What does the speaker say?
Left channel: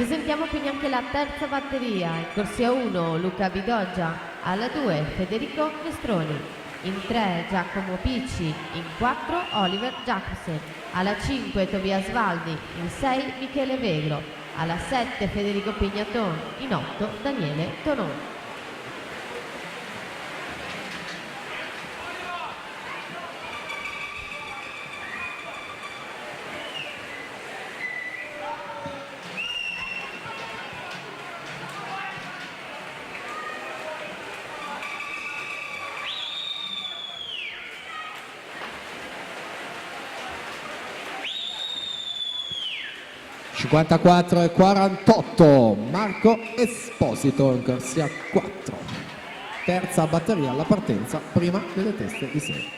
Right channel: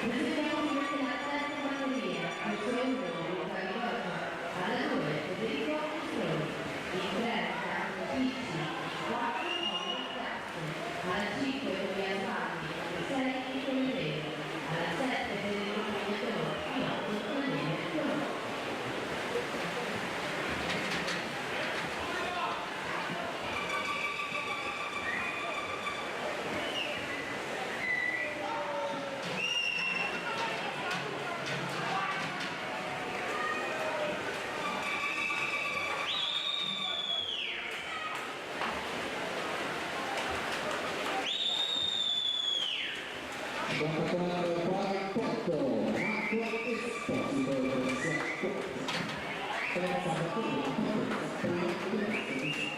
Presentiamo quindi anche la terza batteria, in corsia 1 Luca Bigoggia, alla 2 Federico Mistroni, in 3 Giacomo Picci, in 4 Oliver Jackson, alla 5 Tobias Valdi, in 6 Michele Vello, alla 7 Federico Pignatone, in 8 Daniele Tononi. e 48 Marco Esposito in corsia 4, terza batteria alla partenza, prima delle teste di 6.